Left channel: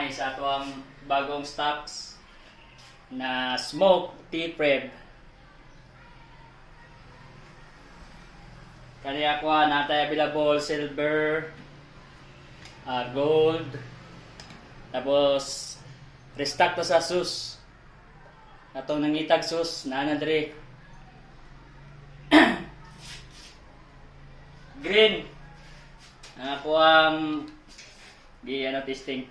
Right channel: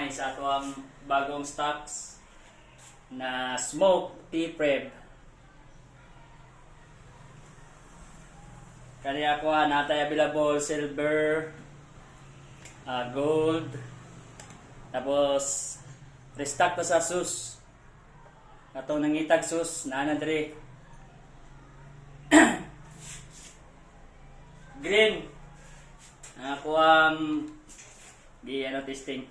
gamay sa ato ang bagong stocks na smoke tea prep. Kani ako natay available silver, gold, tapos restock to sa sus. Atong nangitag sus na dre. Green. Ako ang di testing.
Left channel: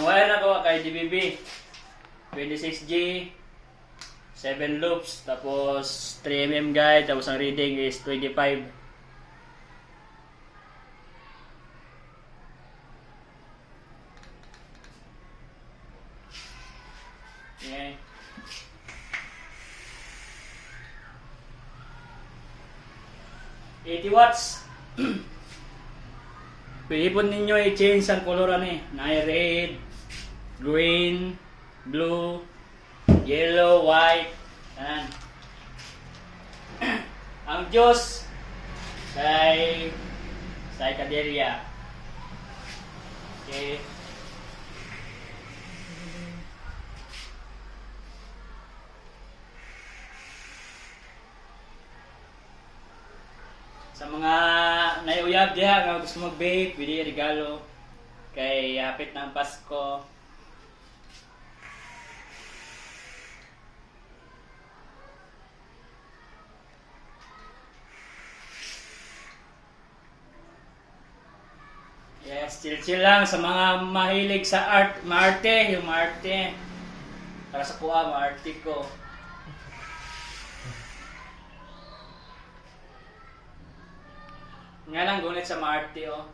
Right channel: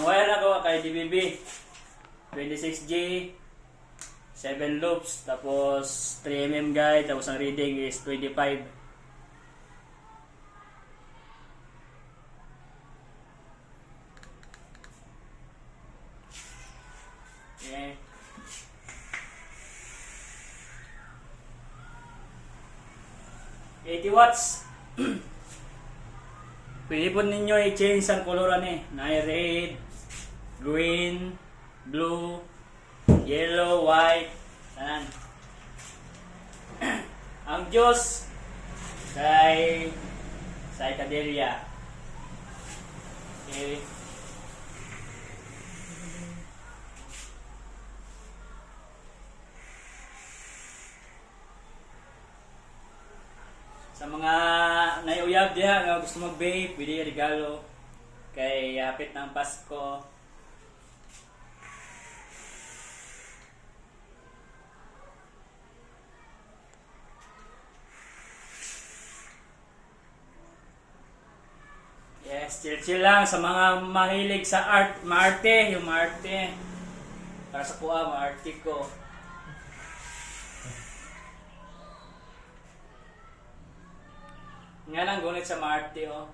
Ang wire na ko kay DBB 26G 7 loops tapos 3mm guide tapos ang reading is 25. Okay. 80 watts. Pwede po ninyo i-change ang color ani. May red, green, blue, yellow, white. Yan. Ang Diyos sa Caderia. Okay. Sa mga naiuyab diha nga gusto mag-vape, pwede regalo kay hapit ng Pasko. Yes, chill lang sa mga mahilig sa art, maarte, yung maarte. Para sa kuha, maarte ko. Nga lang gunit sa maarte, oh.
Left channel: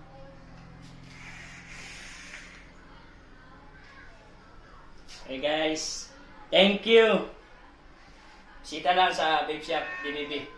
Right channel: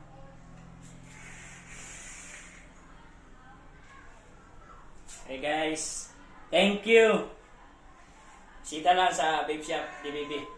Hey guys, thank you. Sita lang sa Vape Shop DBB.